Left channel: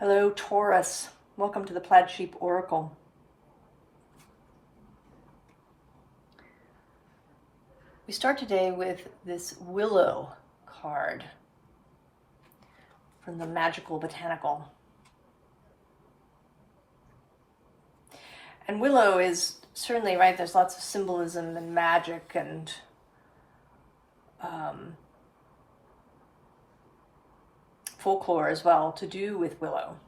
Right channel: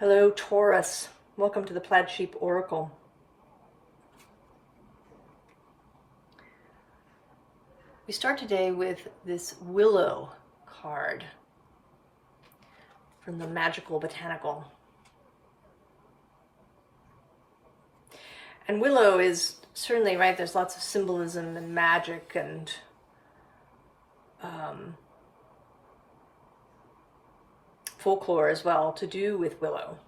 Hello, Taurus. Welcome to the Plaid Sheep Oracle. We start today with this Willow card from the Magickal Botanical. And Willow is certainly, right, there's lots of symbolism and magic and folklore as well to do with Willow.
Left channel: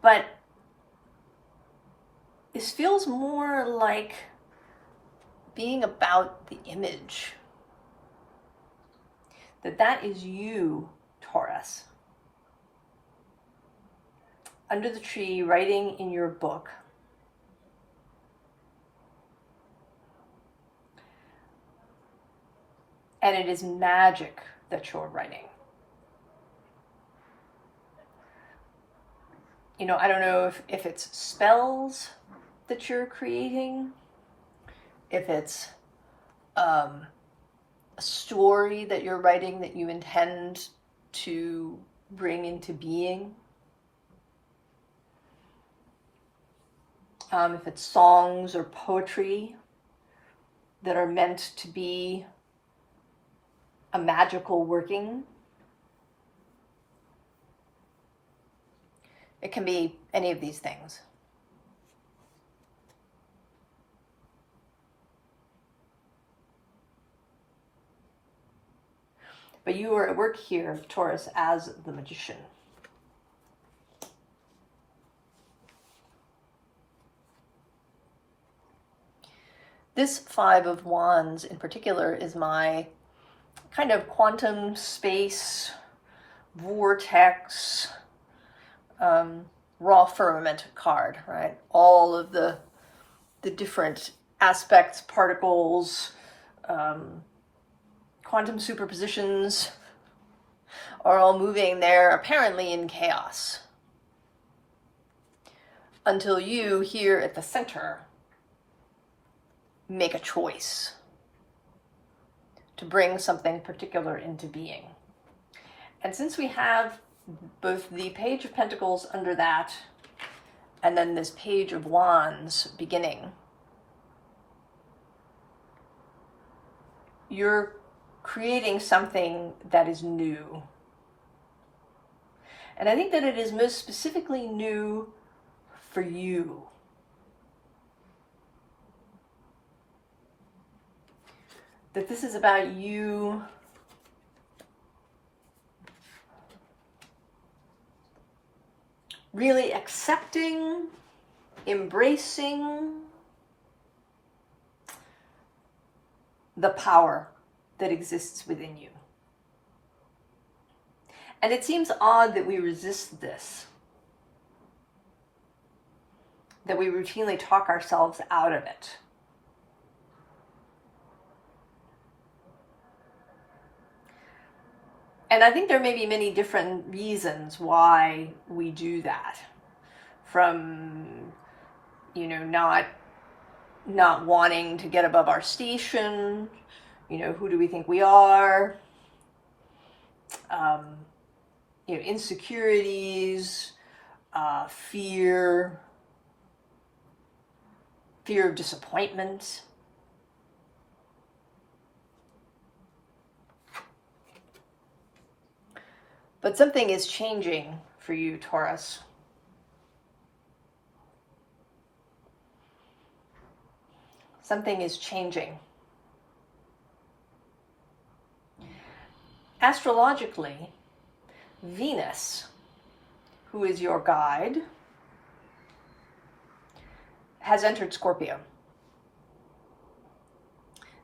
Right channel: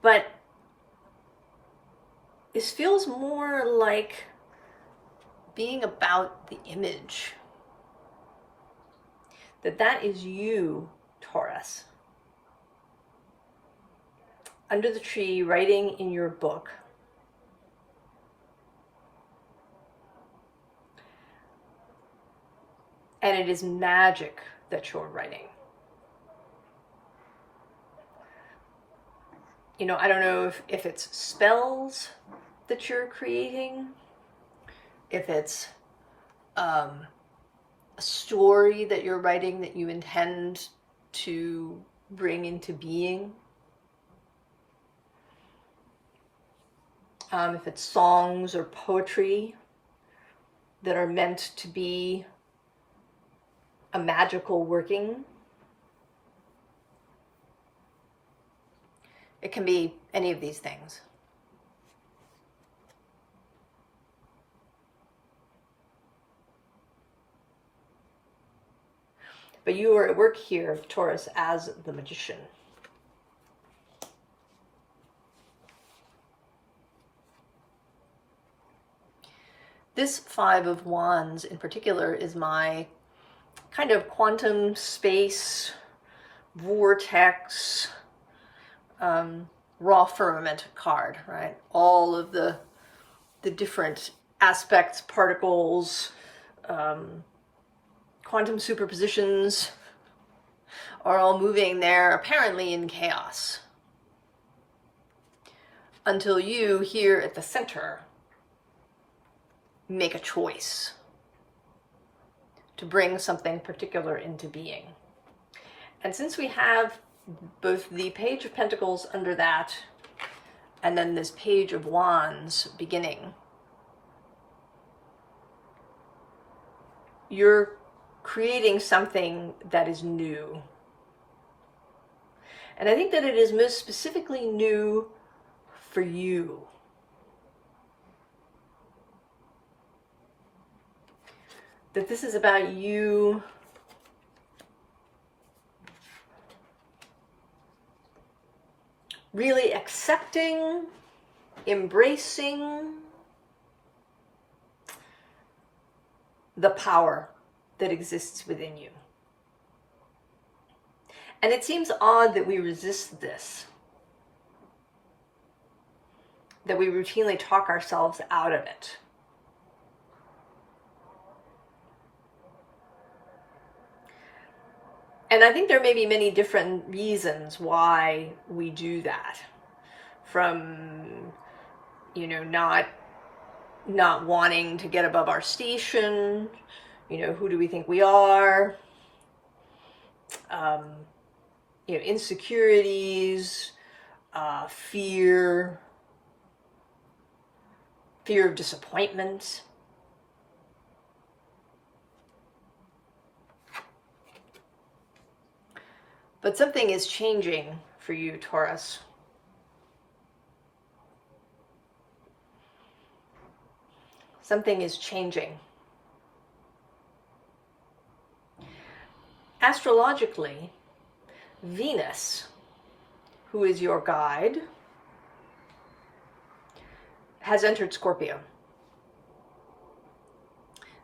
But this feels more like being about the image. That is you, Taurus. Under the tree, writing in your book. And it is magic that you're writing. You know, I don't know if it's spells that you're creating, if it's a story that you're writing that you intend to bring into being, if it's songs or poetry that are meant to be a magical working. It can be any of these things. But you are at work here, Taurus, as the magician. This Five of Wands in particular is my kind of quantum space, vortex, raw firmament card, right? All of the different aspects, particles, quantum superpositions are all moving there apparently in chaos. Until you here at the center make a choice to bring something particular into being. And since we have both the Page of Pentacles under that, and then this Page of Wands beginning, you're creating something that is new. And I think that it is most specifically new for you. That this is about you really accepting, embracing the power that exists within you. And it seems odd that we resist this, that we routinely talk ourselves out of it. And I think there may be many different reasons why we do that. From, you know, not wanting to get above our station, you know, who do we think we are? You know, insecurities, fear of disappointment. But something is changing for you, Taurus. Something is changing. Astrologically, Venus, who is your guide, has entered Scorpio.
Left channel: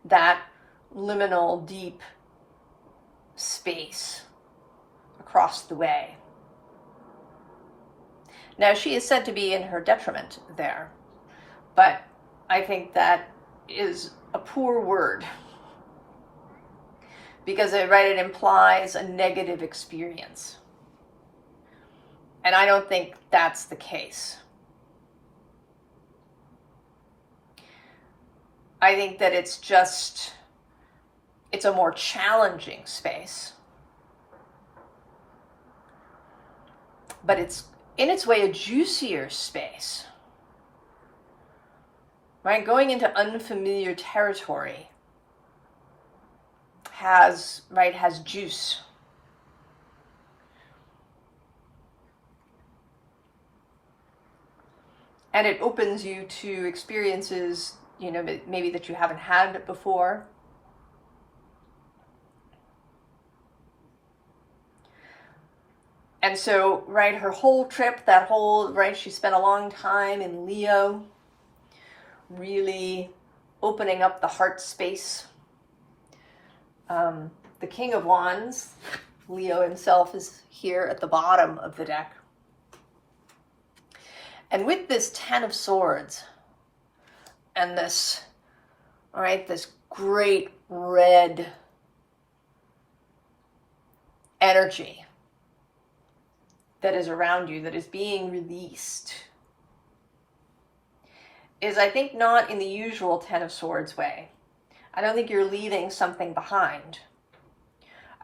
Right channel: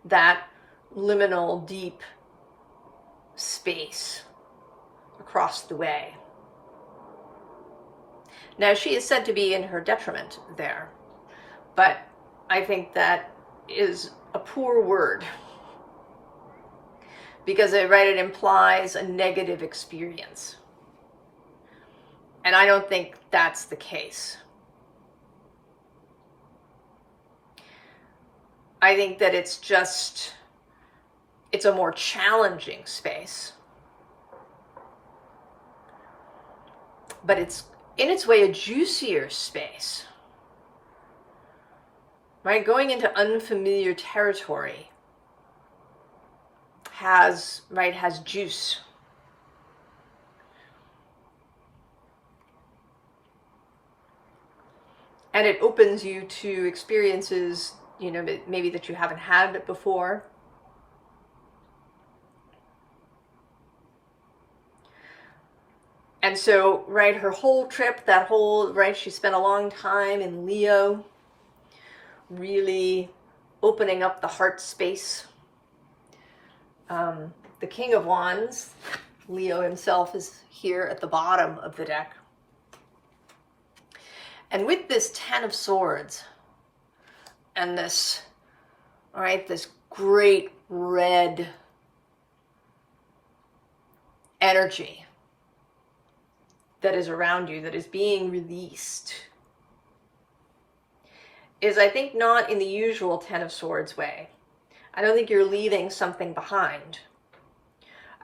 That liminal, deep space across the way. Now, she is said to be in her detriment there, but I think that is a poor word, because it implies a negative experience. And I don't think that's the case. I think that it's a more challenging space. but it's in its way a juicier space, right? Going into unfamiliar territory has juice. And it opens you to experiences, you know, maybe that you haven't had before. And so, right, her whole trip, she spent a long time in Leo, really opening up the heart space. The King of Wands, Leo himself, is here at the bottom of the deck. And with this Ten of Swords and this, right, this great red energy that is around you, that is being released, is, I think, not in the usual Ten of Swords way. I don't think you're leaving something behind.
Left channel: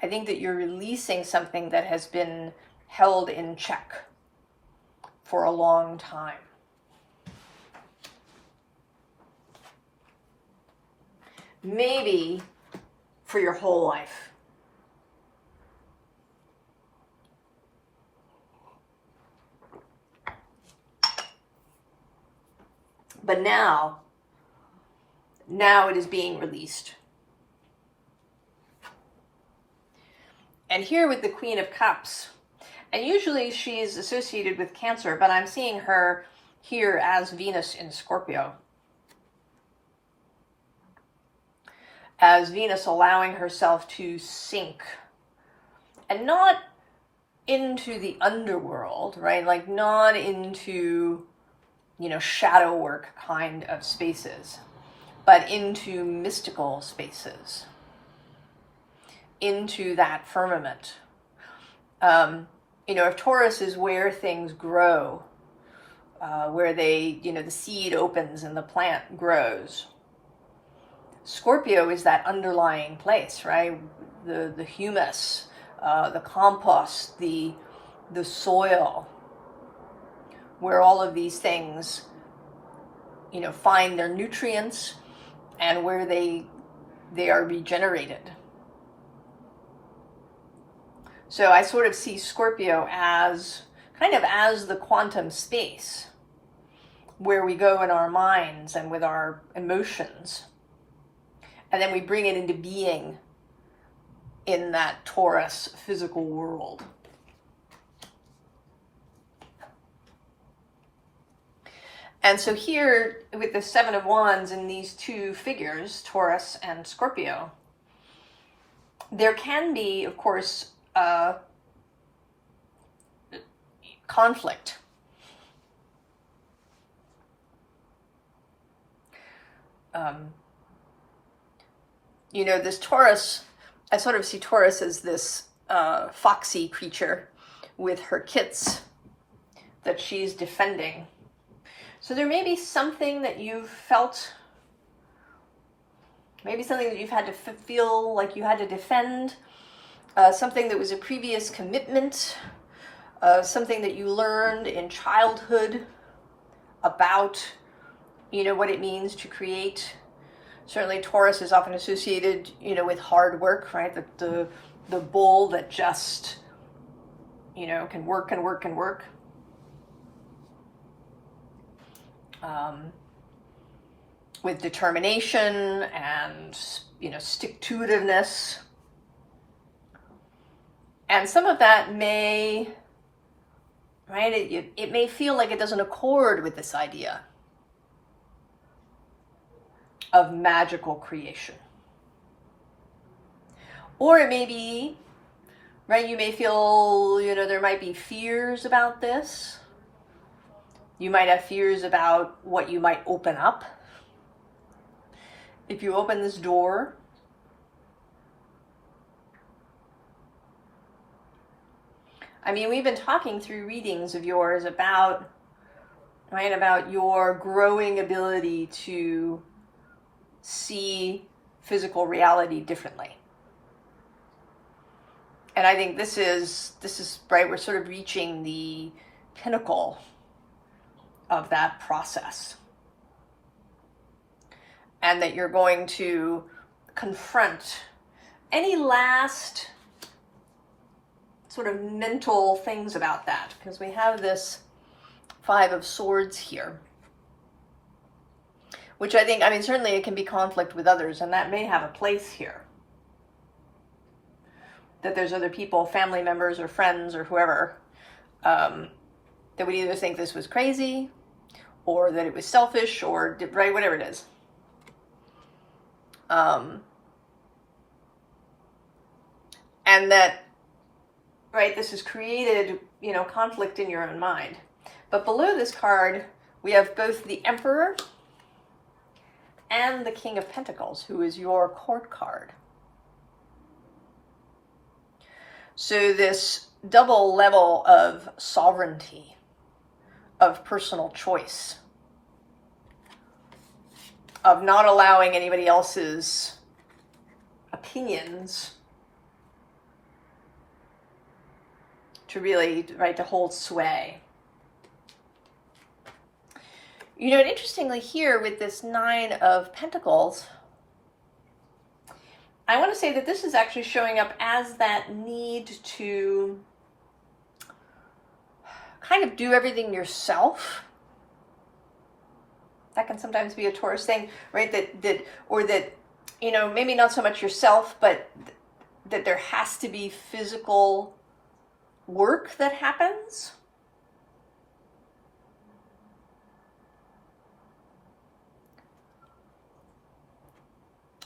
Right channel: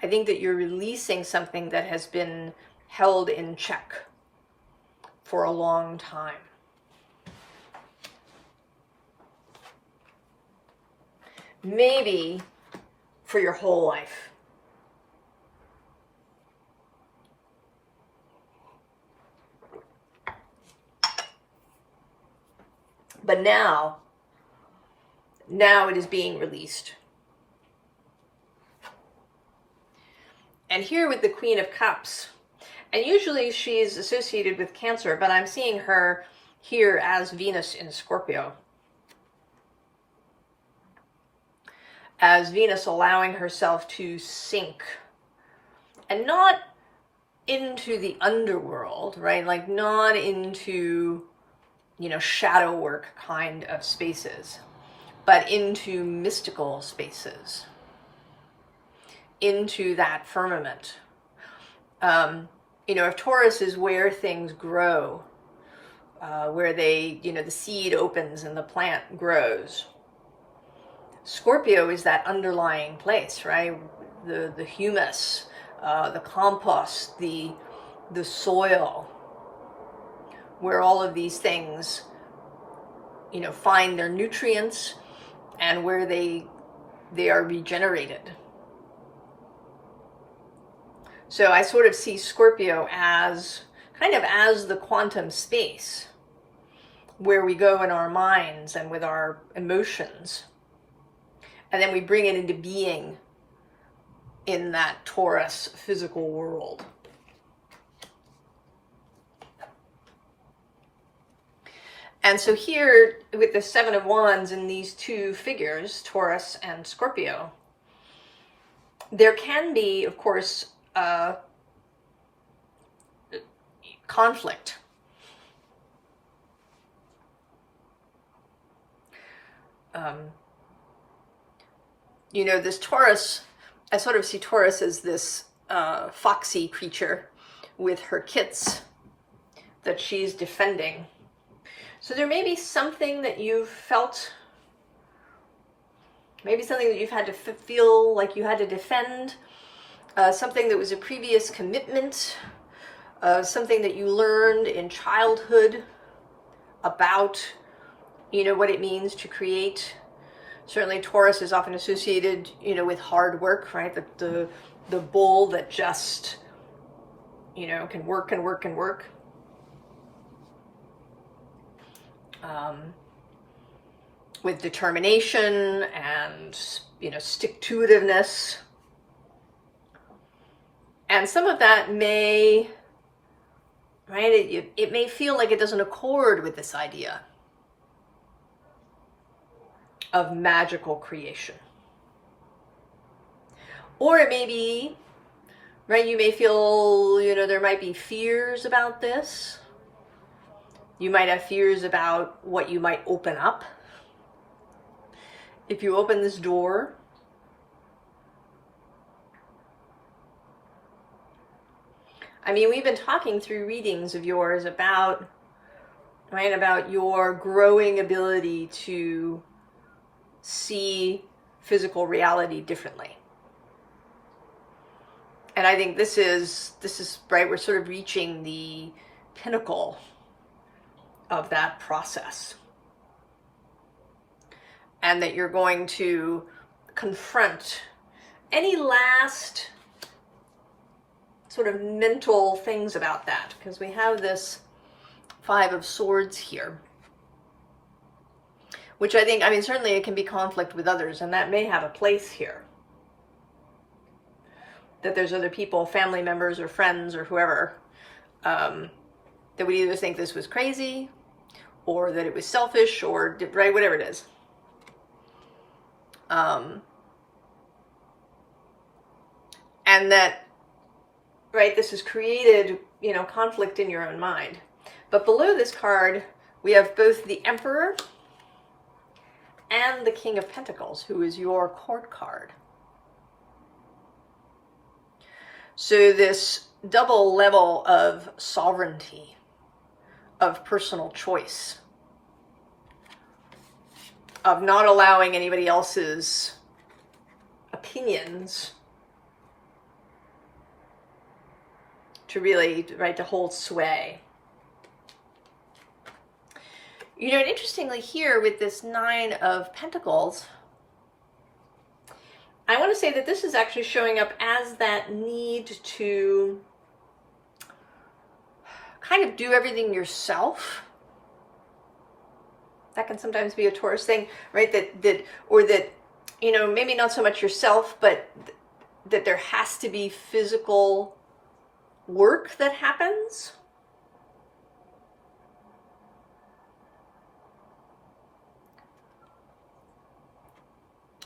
I think that you're releasing something that has been held in check for a long time. Maybe for your whole life. But now it is being released. And here with the Queen of Cups, and usually she's associated with Cancer, but I'm seeing her here as Venus in Scorpio. As Venus allowing herself to sink, and not into the underworld, right? Like not into, you know, shadow work kind of spaces, but into mystical spaces, into that firmament. You know, if Taurus is where things grow, where they, you know, the seed opens and the plant grows, Scorpio is that underlying place, right? The humus, the compost, the soil, where all of these things, you know, find their nutrients and where they are regenerated. So I sort of see Scorpio as kind of as the quantum space where we go in our minds and with our emotions. And then we bring it into being in that Taurus physical world. And so here, with the Seven of Wands and these two figures, Taurus and Scorpio, there can be, of course, conflict. You know, this Taurus, I sort of see Taurus as this foxy creature with her kits that she's defending. So there may be something that you've felt, maybe something that you've had to feel like you had to defend, something that was a previous commitment, something that you learned in childhood about, you know, what it means to create. Certainly Taurus is often associated, you know, with hard work, right? The bull that just, you know, can work and work and work. With determination and, you know, stick-to-itiveness. And some of that may, right, it may feel like it doesn't accord with this idea of magical creation. Or it may be, right, you may feel, you know, there might be fears about this. You might have fears about what you might open up. If you open this door, I mean, we've been talking through readings of yours about, right, about your growing ability to see physical reality differently. And I think this is right, we're sort of reaching the pinnacle of that process. And that you're going to confront any last sort of mental things about that, because we have this Five of Swords here, which I think, I mean, certainly it can be conflict with others, and that may have a place here. That there's other people, family members or friends or whoever, that would either think this was crazy, or that it was selfish, or, right, whatever it is. And that, right, this has created, you know, conflict in your own mind. But below this card, we have both the Emperor and the King of Pentacles, who is your court card. So this double level of sovereignty, of personal choice, of not allowing anybody else's opinions to really, right, to hold sway. You know, interestingly here with this Nine of Pentacles, I want to say that this is actually showing up as that need to kind of do everything yourself. That can sometimes be a Taurus thing, right? That, you know, maybe not so much yourself, but that there has to be physical work that happens.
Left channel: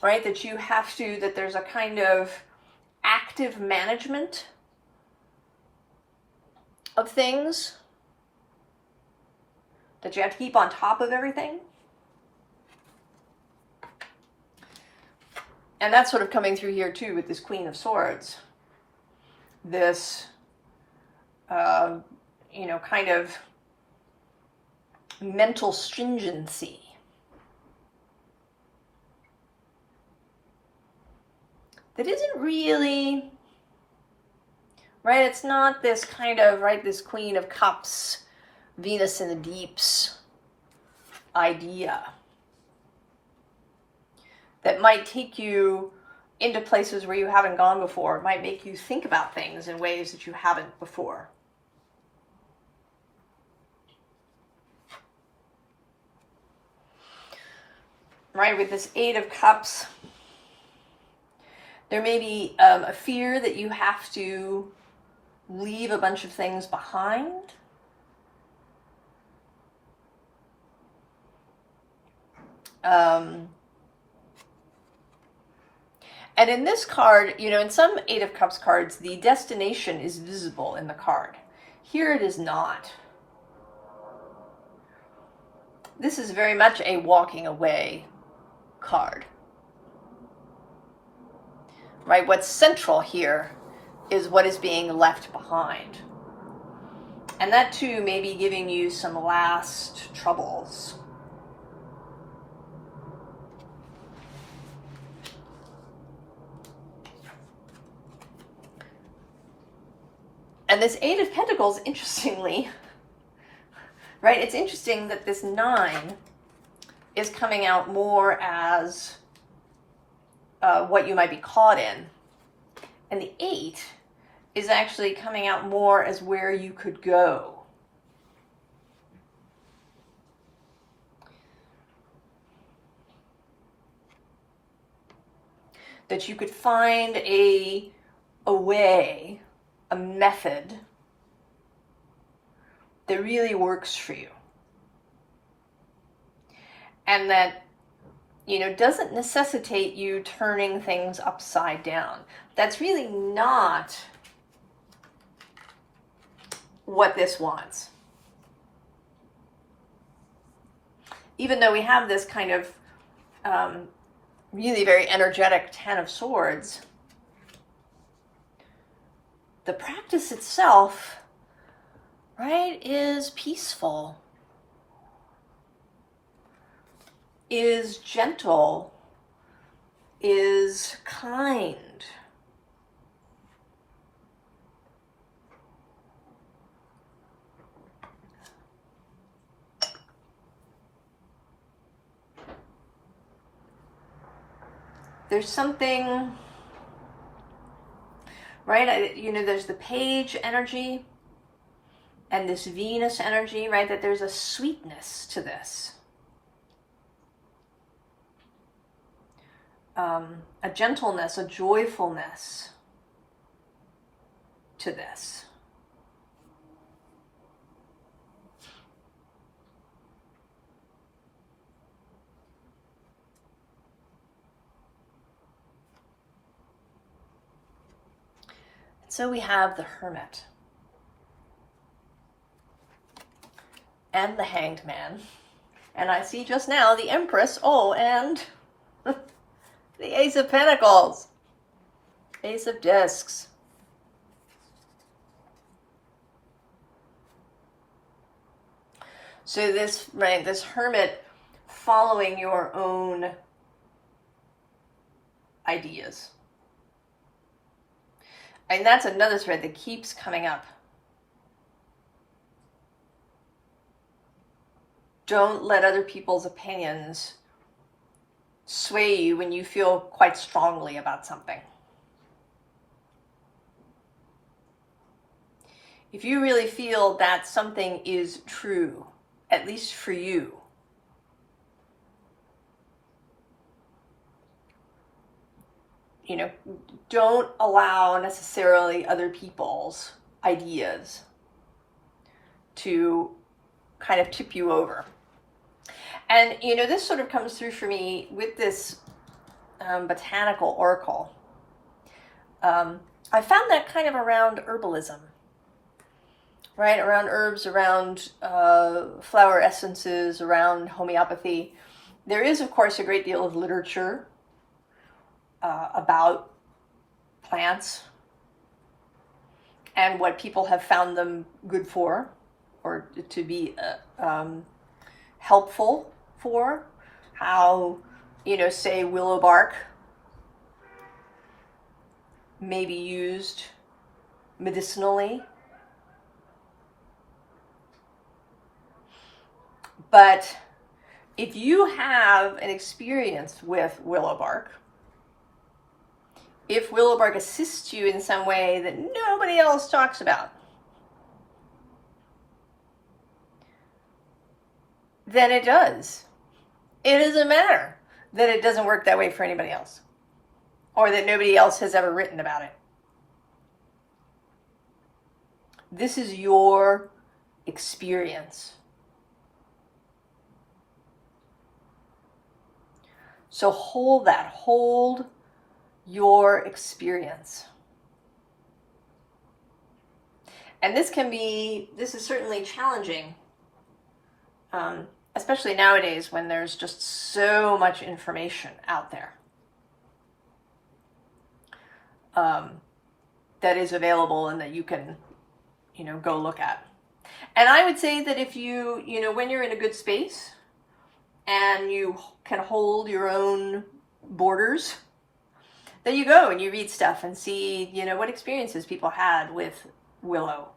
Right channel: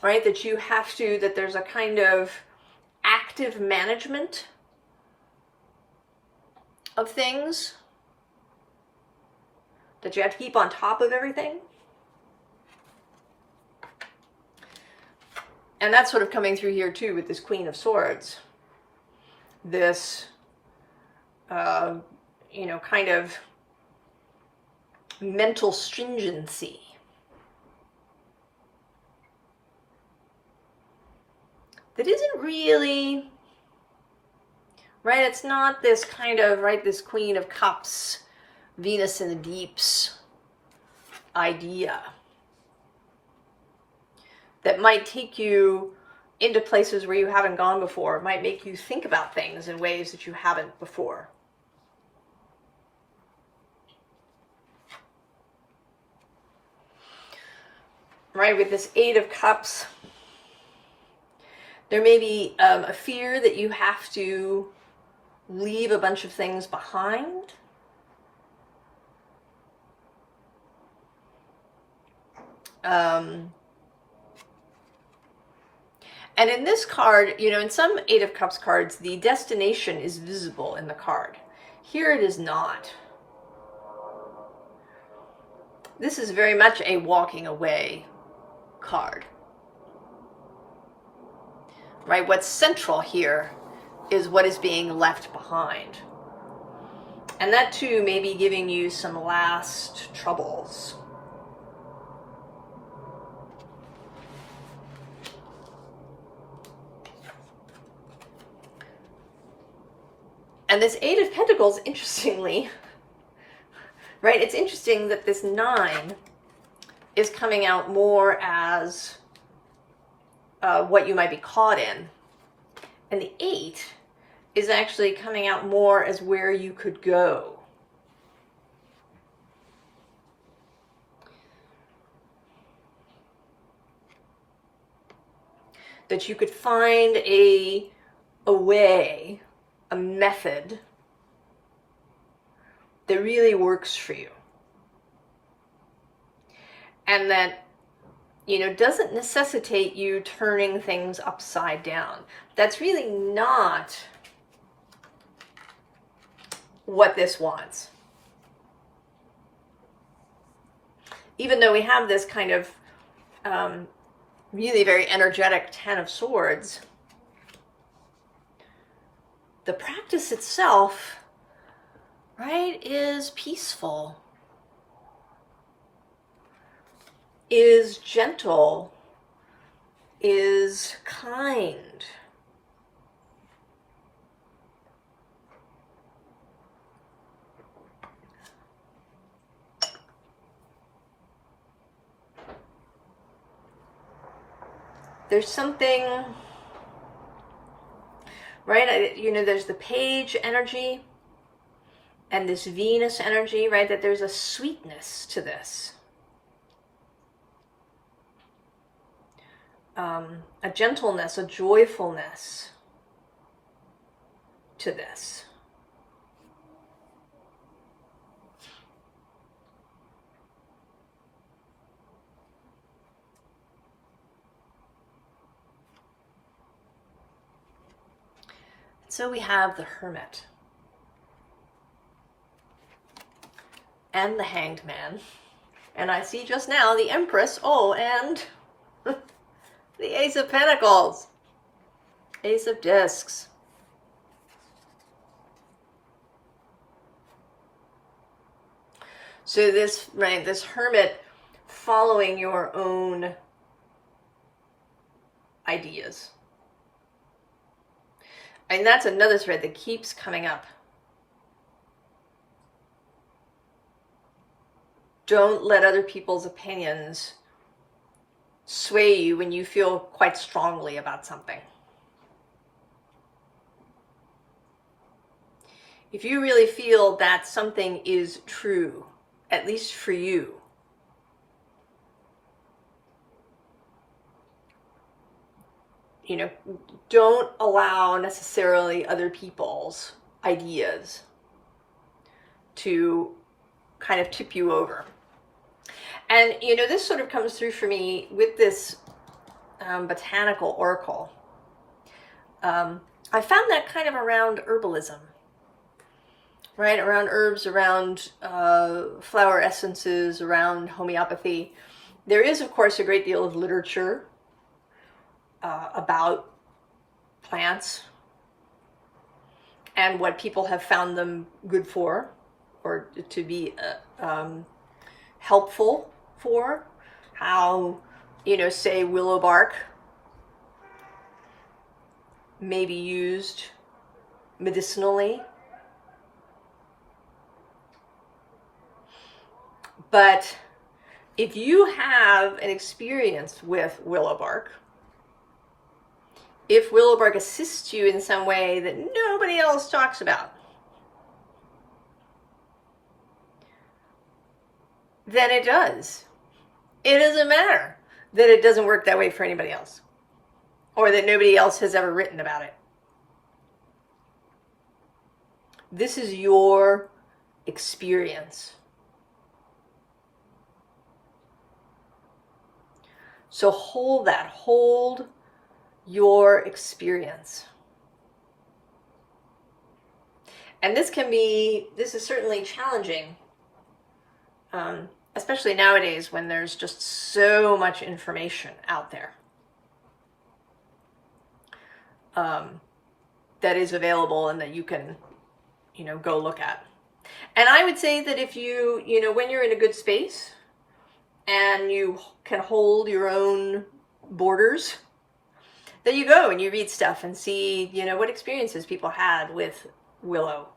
Right, that you have to, that there's a kind of active management of things, that you have to keep on top of everything. And that's sort of coming through here too with this Queen of Swords. This, you know, kind of mental stringency. That isn't really, right, it's not this kind of, right, this Queen of Cups, Venus in the Deeps idea that might take you into places where you haven't gone before. It might make you think about things in ways that you haven't before. Right, with this Eight of Cups, there may be a fear that you have to leave a bunch of things behind. And in this card, you know, in some Eight of Cups cards, the destination is visible in the card. Here it is not. This is very much a walking away card. Right, what's central here is what is being left behind. And that too may be giving you some last troubles. And this Eight of Pentacles, interestingly, right, it's interesting that this Nine is coming out more as what you might be caught in. And the Eight is actually coming out more as where you could go. That you could find a way, a method that really works for you. And that, you know, doesn't necessitate you turning things upside down. That's really not what this wants. Even though we have this kind of really very energetic Ten of Swords, the practice itself, right, is peaceful, is gentle, is kind. there's something, right? There's the page energy and this Venus energy, right? That there's a sweetness to this. A gentleness, a joyfulness to this. So we have the Hermit and the Hanged Man. And I see just now the Empress. Oh, and the Ace of Pentacles. Ace of Discs. So this, right, this Hermit following your own ideas. And that's another thread that keeps coming up. Don't let other people's opinions sway you when you feel quite strongly about something. If you really feel that something is true, at least for you, don't allow necessarily other people's ideas to kind of tip you over. And, this sort of comes through for me with this Botanical Oracle. I found that kind of around herbalism, right? Around herbs, around flower essences, around homeopathy. There is, of course, a great deal of literature about plants and what people have found them good for, or to be helpful for. How, say willow bark may be used medicinally. But if you have an experience with willow bark, if willow bark assists you in some way that nobody else talks about, then it does. It doesn't matter that it doesn't work that way for anybody else, or that nobody else has ever written about it. This is your experience. So hold that. Hold your experience. And this is certainly challenging, especially nowadays when there's just so much information out there that is available and that you can, go look at. And I would say that if you, when you're in a good space and you can hold your own borders, that you go and you read stuff and see, what experiences people had with willow.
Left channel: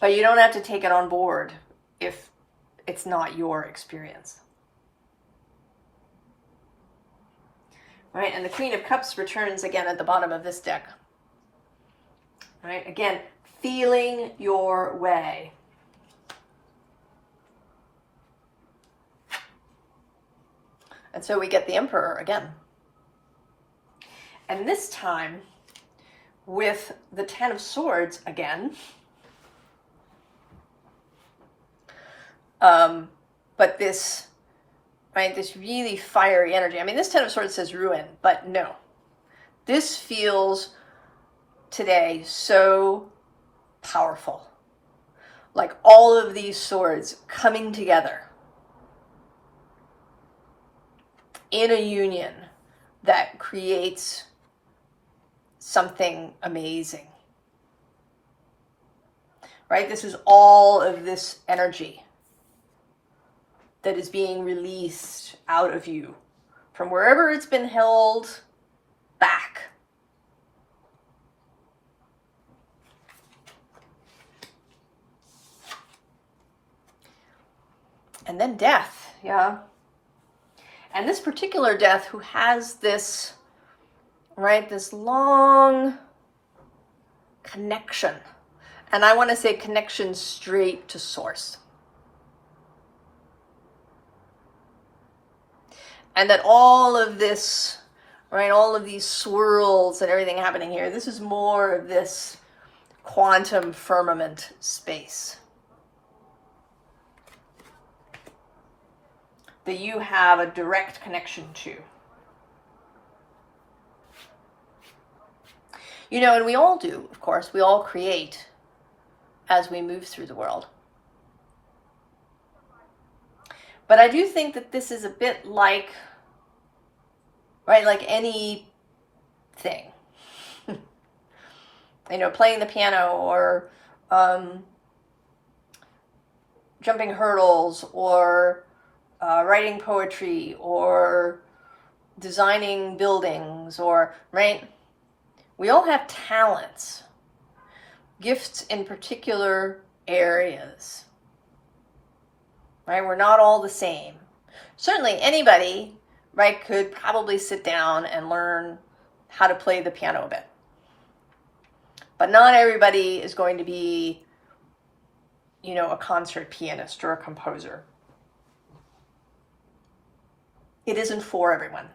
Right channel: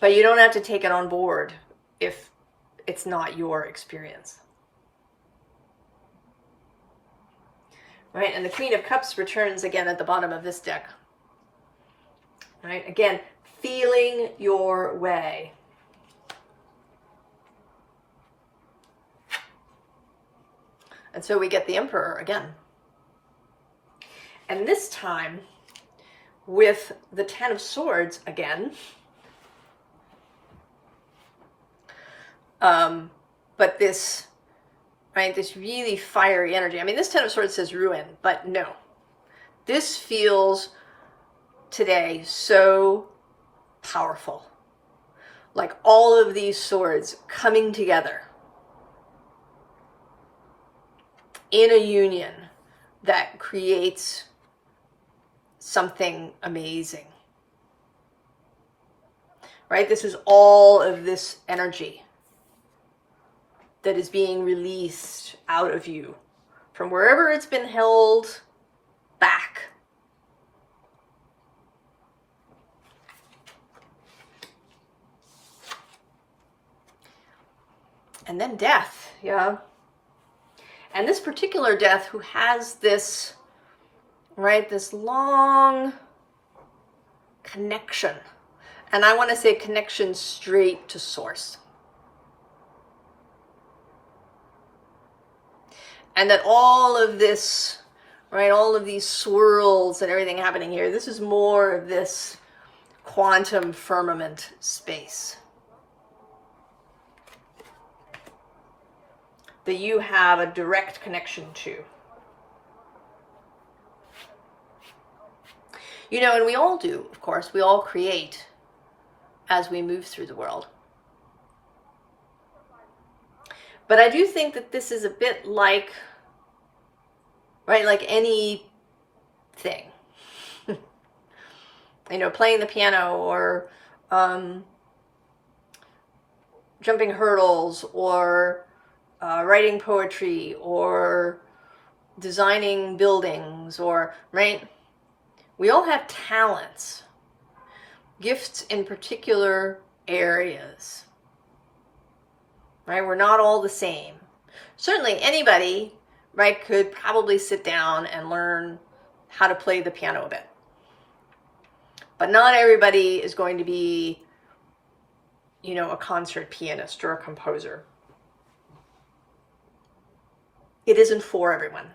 But you don't have to take it on board if it's not your experience. Right, and the Queen of Cups returns again at the bottom of this deck. Right, again, feeling your way. And so we get the Emperor again. And this time, with the Ten of Swords again, but this, right, this really fiery energy. I mean, this Ten of Swords says ruin, but no. This feels today so powerful. Like all of these swords coming together in a union that creates something amazing. Right? This is all of this energy that is being released out of you from wherever it's been held back. And then death. yeah. And this particular death who has this, right, this long connection. And I want to say connection straight to source. And that all of this, right, all of these swirls and everything happening here, this is more of this quantum firmament space that you have a direct connection to. You know, and we all do, of course, we all create as we move through the world. But I do think that this is a bit like, right, like anything. You know, playing the piano or jumping hurdles or writing poetry or designing buildings or, right? We all have talents, gifts in particular areas. Right? We're not all the same. Certainly anybody, right, could probably sit down and learn how to play the piano a bit. But not everybody is going to be, you know, a concert pianist or a composer. It isn't for everyone.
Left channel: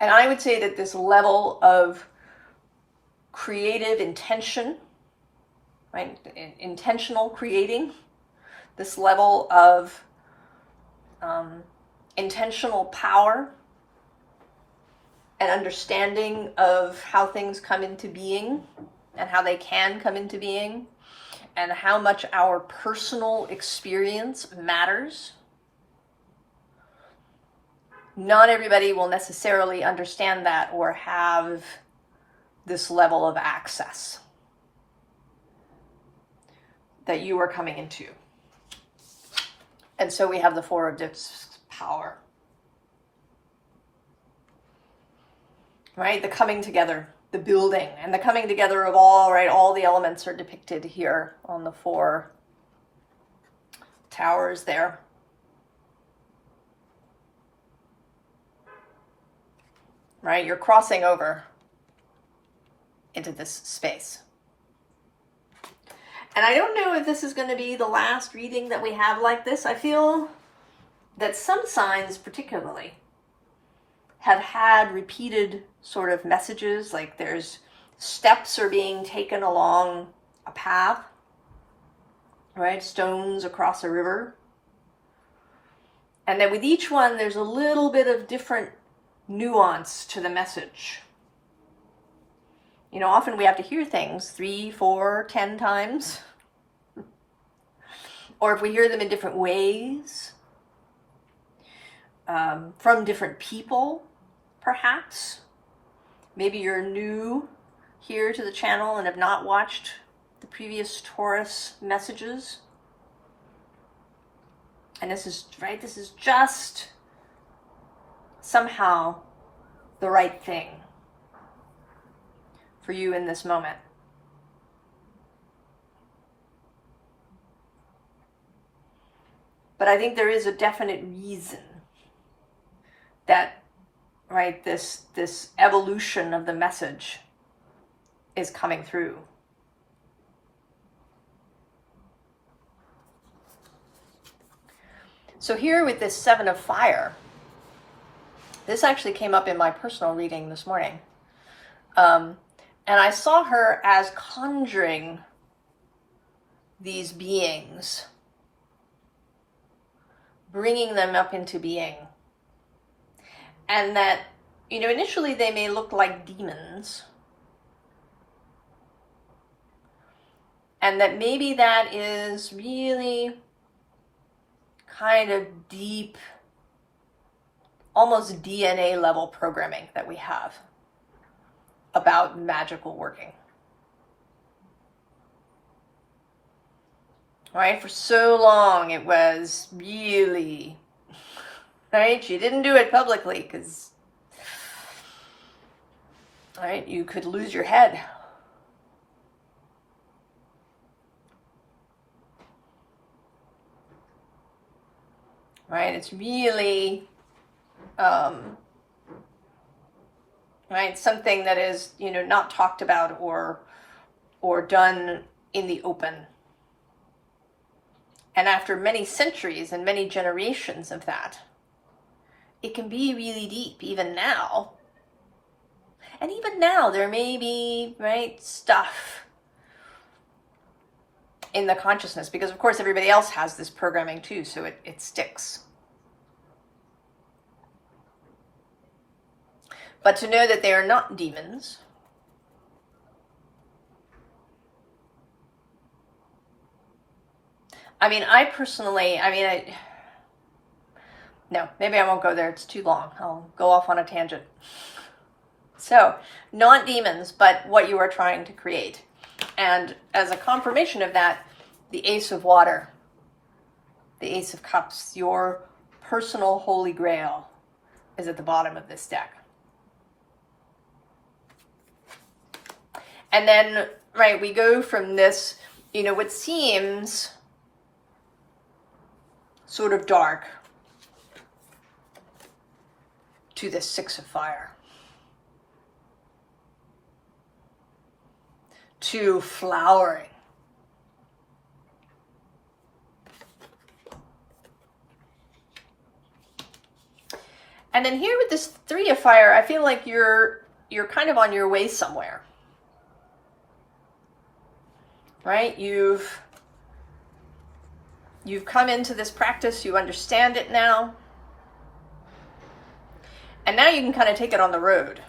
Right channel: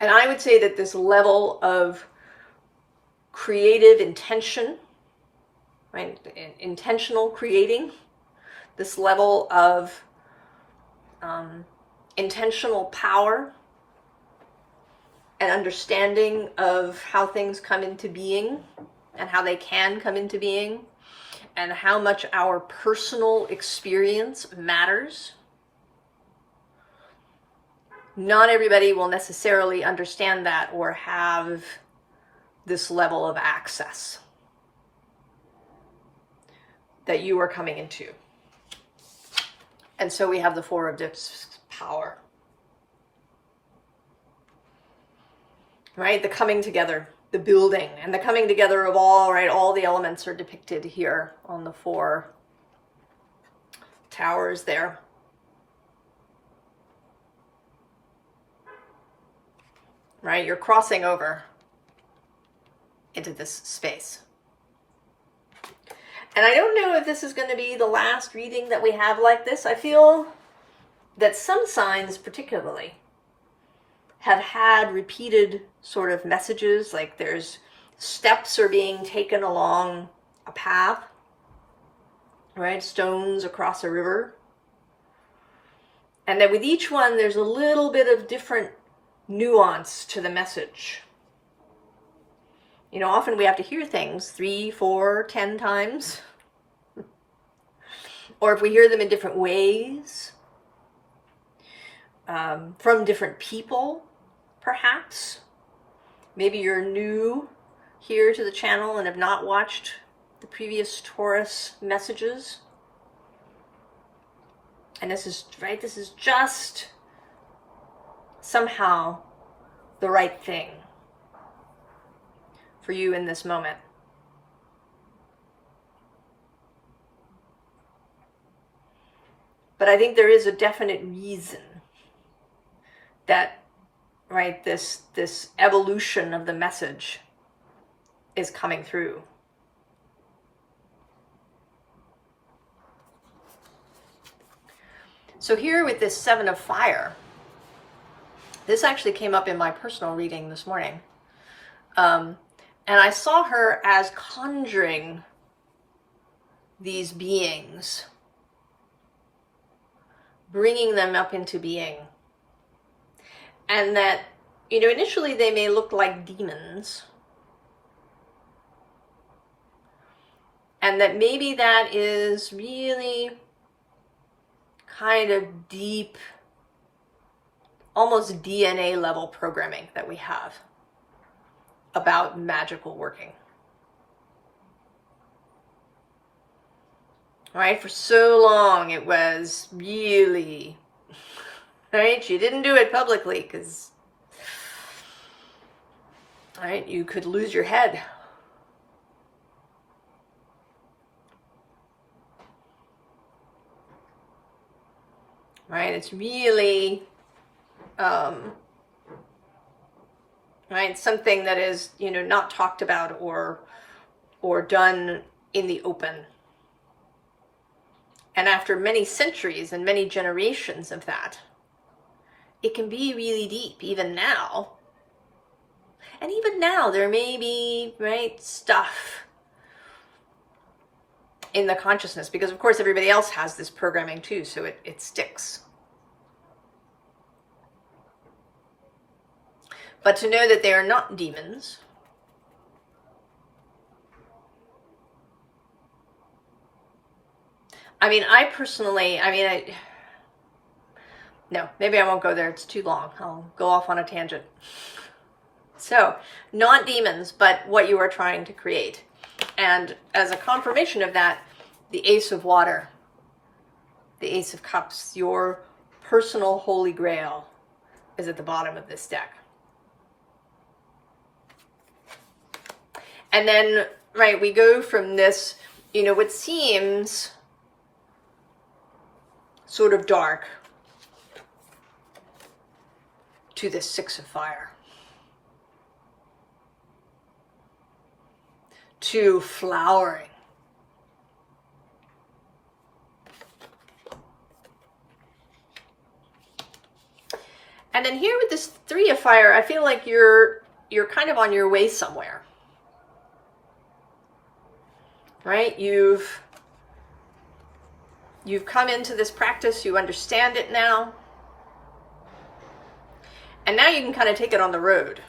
And I would say that this level of creative intention, right, intentional creating, this level of intentional power and understanding of how things come into being and how they can come into being and how much our personal experience matters. Not everybody will necessarily understand that or have this level of access that you are coming into. And so we have the Four of Dips power. Right? The coming together, the building, and the coming together of all, right? All the elements are depicted here on the 4 towers there. Right? You're crossing over into this space. And I don't know if this is going to be the last reading that we have like this. I feel that some signs particularly have had repeated sort of messages, like there's steps are being taken along a path, right? Stones across a river. And then with each one, there's a little bit of different nuance to the message. You know, often we have to hear things 3, 4, 10 times. Or if we hear them in different ways, from different people, perhaps. Maybe you're new here to the channel and have not watched the previous Taurus messages. And this is, right, this is just somehow the right thing for you in this moment. But I think there is a definite reason that, right, this evolution of the message is coming through. So here with this 7 of Fire, this actually came up in my personal reading this morning. And I saw her as conjuring these beings, bringing them up into being. And that, you know, initially they may look like demons. And that maybe that is really kind of deep, almost DNA level programming that we have about magical working. Right? For so long it was really, right? You didn't do it publicly because, right, you could lose your head. right? It's really, right, something that is, you know, not talked about or done in the open. And after many centuries and many generations of that, it can be really deep, even now. And even now, there may be, right, stuff in the consciousness, because of course everybody else has this programming too, so it sticks. But to know that they are not demons, I mean, I personally, no, maybe I won't go there, it's too long. I'll go off on a tangent. So, not demons, but what you are trying to create. And as a confirmation of that, the Ace of Water, the Ace of Cups, your personal holy grail, is at the bottom of this deck. And then, right, we go from this, you know, what seems sort of dark to the Six of Fire, to flowering, and then here with this Three of Fire, I feel like you're kind of on your way somewhere, right? You've come into this practice, you understand it now, and now you can kind of take it on the road.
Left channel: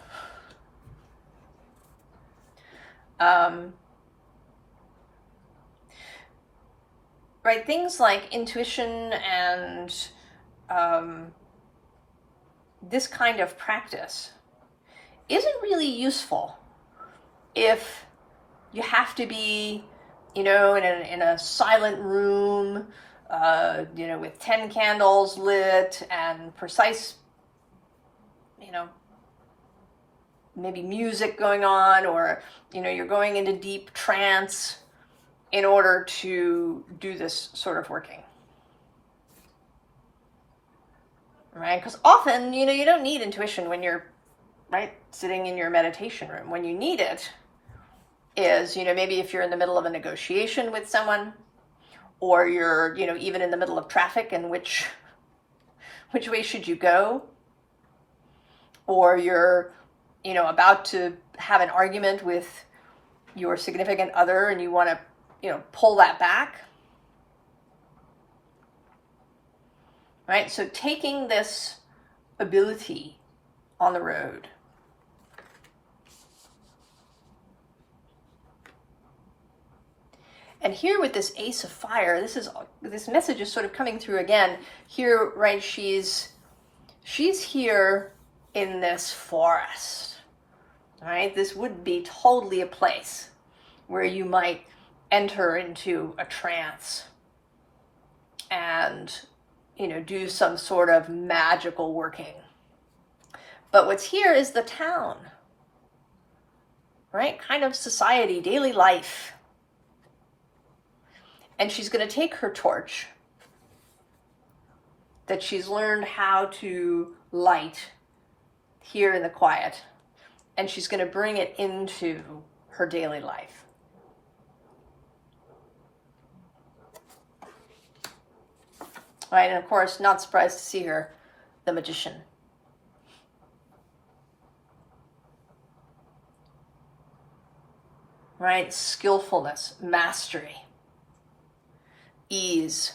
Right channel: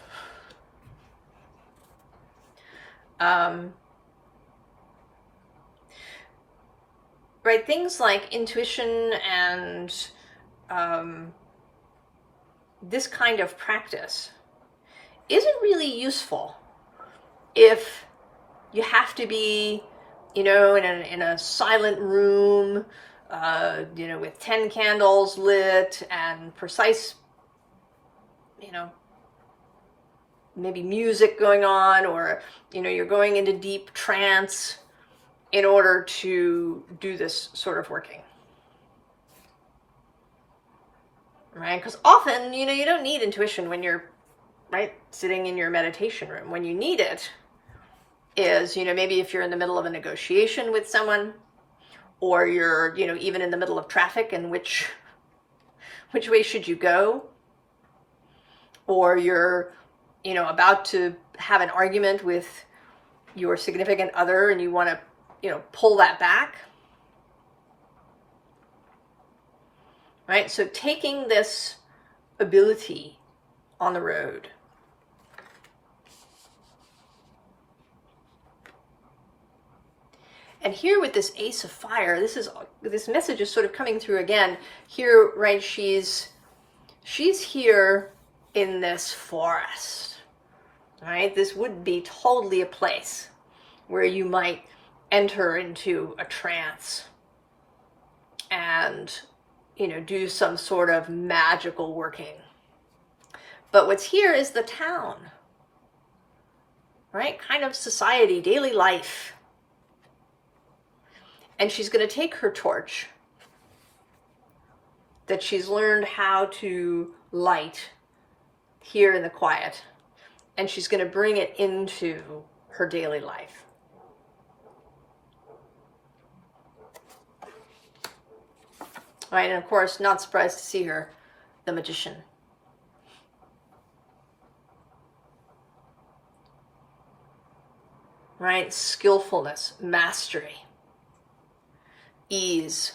Right, things like intuition and this kind of practice isn't really useful if you have to be, you know, in a silent room, you know, with 10 candles lit and precise, you know, maybe music going on, or, you know, you're going into deep trance in order to do this sort of working. Right? Because often, you know, you don't need intuition when you're, right, sitting in your meditation room. When you need it is, you know, maybe if you're in the middle of a negotiation with someone, or you're, you know, even in the middle of traffic, and which way should you go? Or you're, you know, about to have an argument with your significant other and you want to, you know, pull that back. Right? So taking this ability on the road. And here with this Ace of Fire, this message is sort of coming through again. Here, right, she's here in this forest. Right? This would be totally a place where you might enter into a trance and, you know, do some sort of magical working. But what's here is the town, right? Kind of society, daily life. And she's going to take her torch that she's learned how to light here in the quiet, and she's going to bring it into her daily life. Right, and of course, not surprised to see her, the Magician. Right, skillfulness, mastery, ease.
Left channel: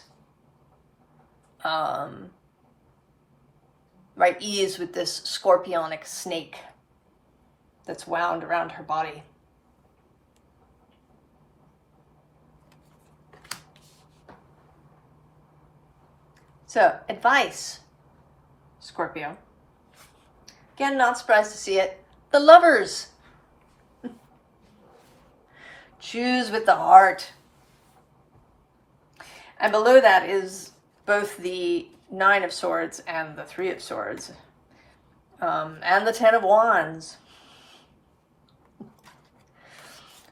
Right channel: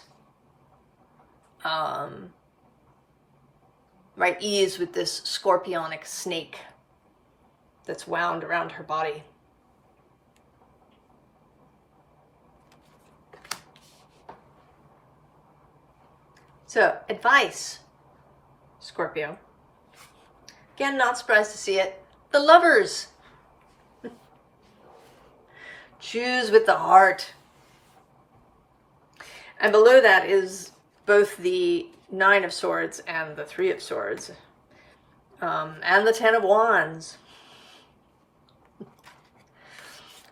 Right, ease with this scorpionic snake that's wound around her body. So, advice, Scorpio. Again, not surprised to see it. The Lovers. Choose with the heart. And below that is both the Nine of Swords and the Three of Swords. And the Ten of Wands.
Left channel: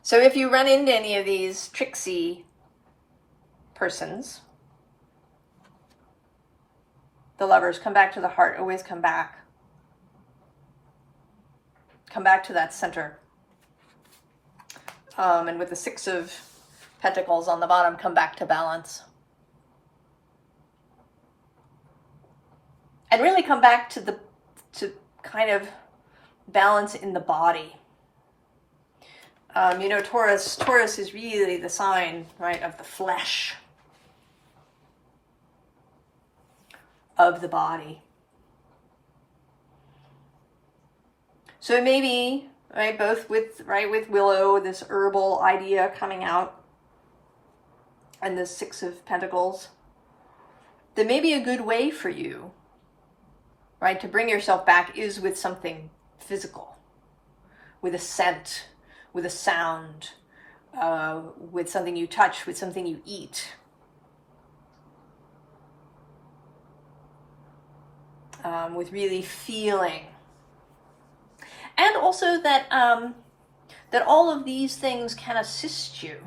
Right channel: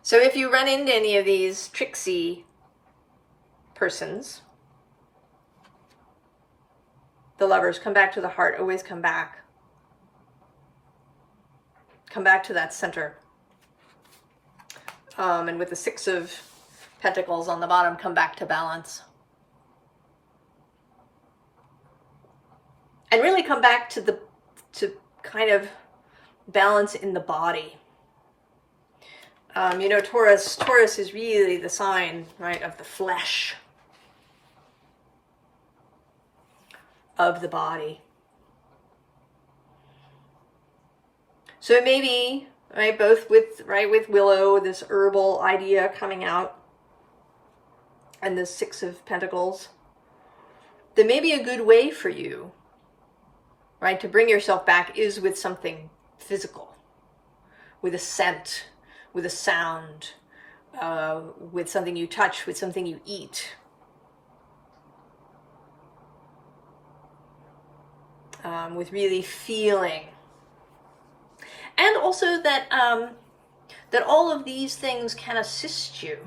So if you run into any of these tricksy persons, the Lovers, come back to the heart, always come back. Come back to that center. And with the Six of Pentacles on the bottom, come back to balance. And really come back to kind of balance in the body. You know, Taurus is really the sign, right, of the flesh, of the body. So maybe, right, both with Willow, this herbal idea coming out, and the Six of Pentacles, that maybe a good way for you, right, to bring yourself back is with something physical, with a scent, with a sound, with something you touch, with something you eat. With really feeling. And also that that all of these things can assist you.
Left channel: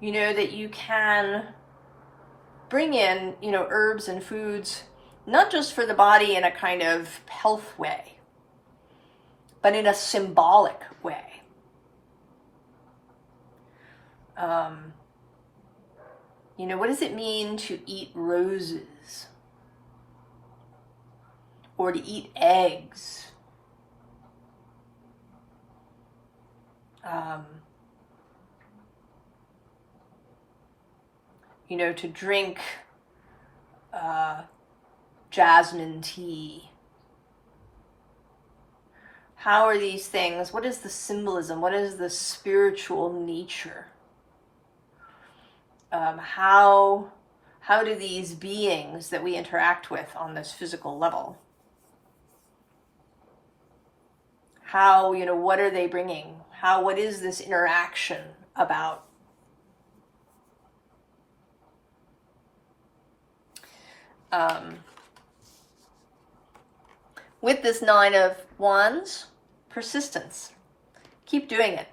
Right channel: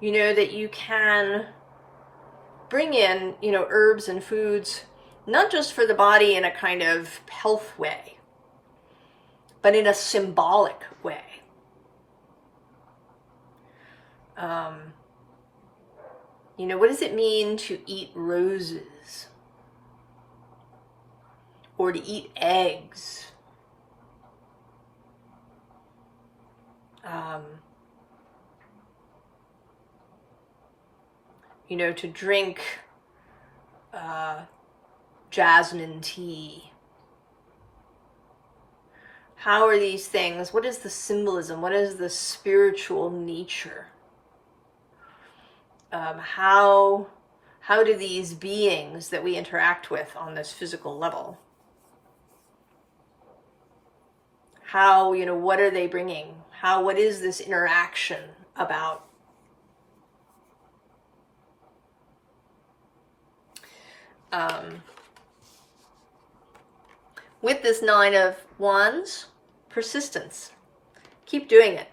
You know, that you can bring in, you know, herbs and foods, not just for the body in a kind of health way, but in a symbolic way. You know, what does it mean to eat roses? Or to eat eggs? You know, to drink jasmine tea. How are these things? What is the symbolism? What is the spiritual nature? How do these beings that we interact with on this physical level, how, you know, what are they bringing? What is this interaction about? With this Nine of Wands, persistence. Keep doing it.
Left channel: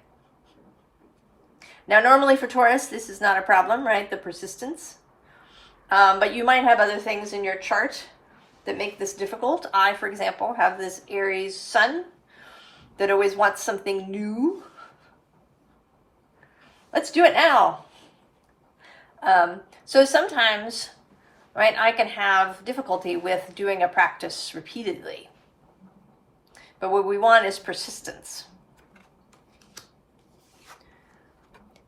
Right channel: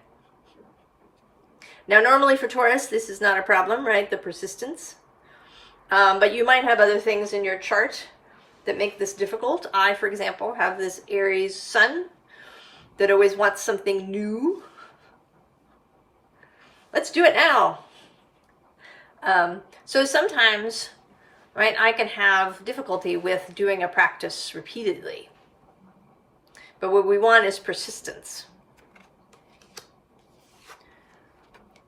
Now, normally for Taurus, this is not a problem, right? The persistence. But you might have other things in your chart that make this difficult. I, for example, have this Aries sun that always wants something new. Let's do it now. So sometimes, right, I can have difficulty with doing a practice repeatedly. But what we want is persistence.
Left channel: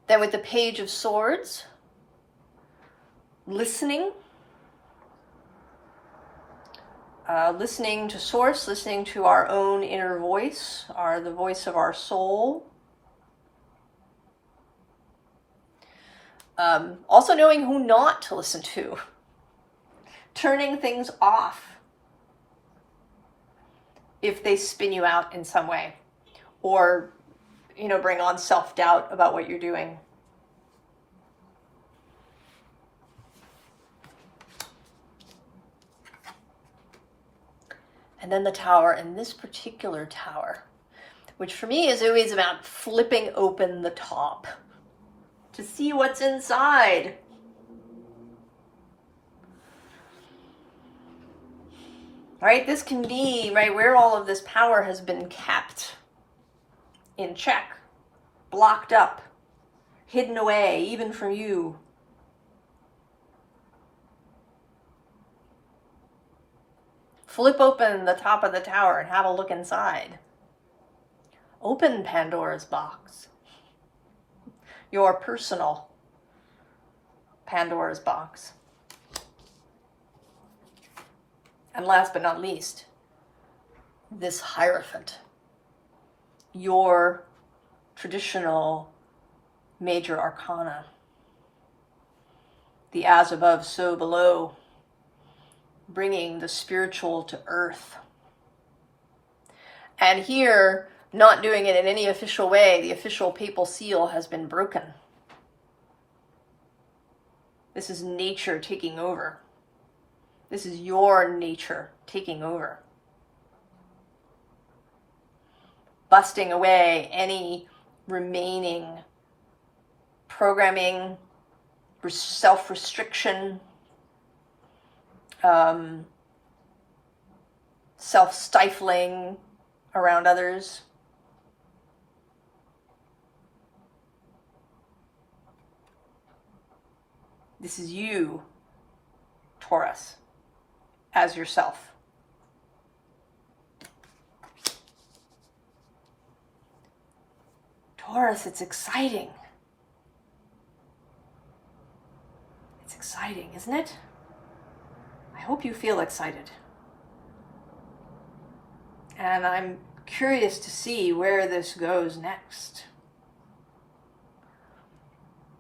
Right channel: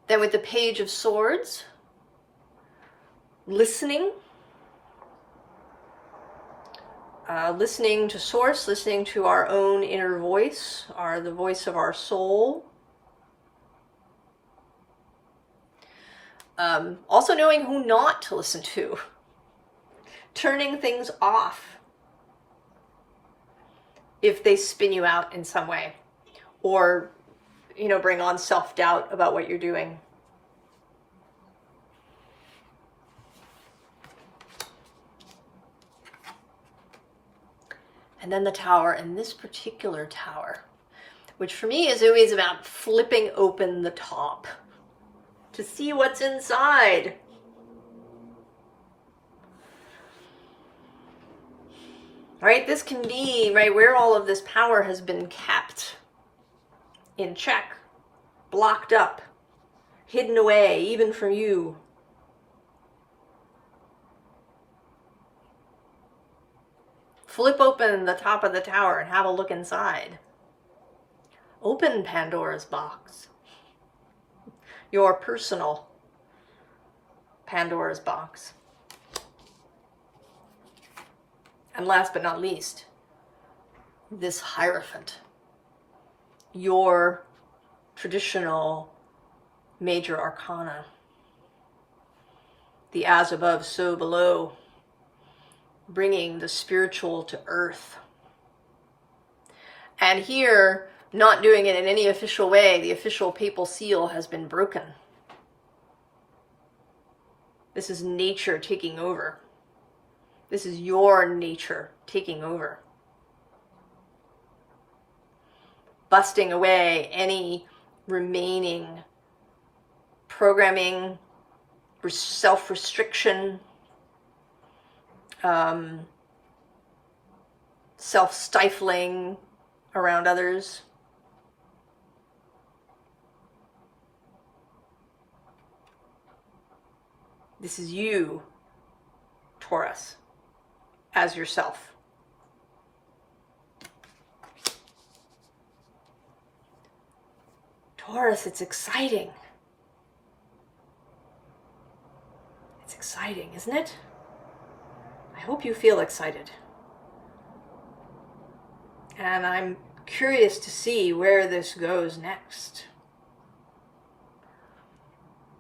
Then with the Page of Swords, listening. Listening to source, listening to our own inner voice, the voice of our soul. Also knowing who not to listen to. Turning things off if they spin you out in some way. Or, you know, bring on self-doubt about what you're doing. And then the Tower, and this particular Tower, which for me is always about flipping open the top to see what's inside. Right? This can be, right, where all of this power has been kept in check, blocked up, hidden away, even from you. Flip open the top of the tower and have a look inside. Open Pandora's box. Your personal Pandora's box. And last but not least, this Hierophant. Your traditional major arcana. The as above, so below. Bringing the spiritual to earth. And here, not doing it in any official way, the official papal seal has been broken. This is nature taking over. This is your nature taking over. Busting away any remaining programming, self-restriction, self-stifling around others. This is you, Taurus, as yourself. Taurus, it's exciting. It's exciting, isn't it? I hope you feel excited. And I'm curious to see where this goes next.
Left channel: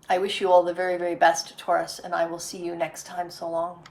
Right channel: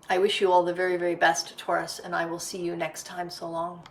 I wish you all the very, very best, Taurus, and I will see you next time. So long.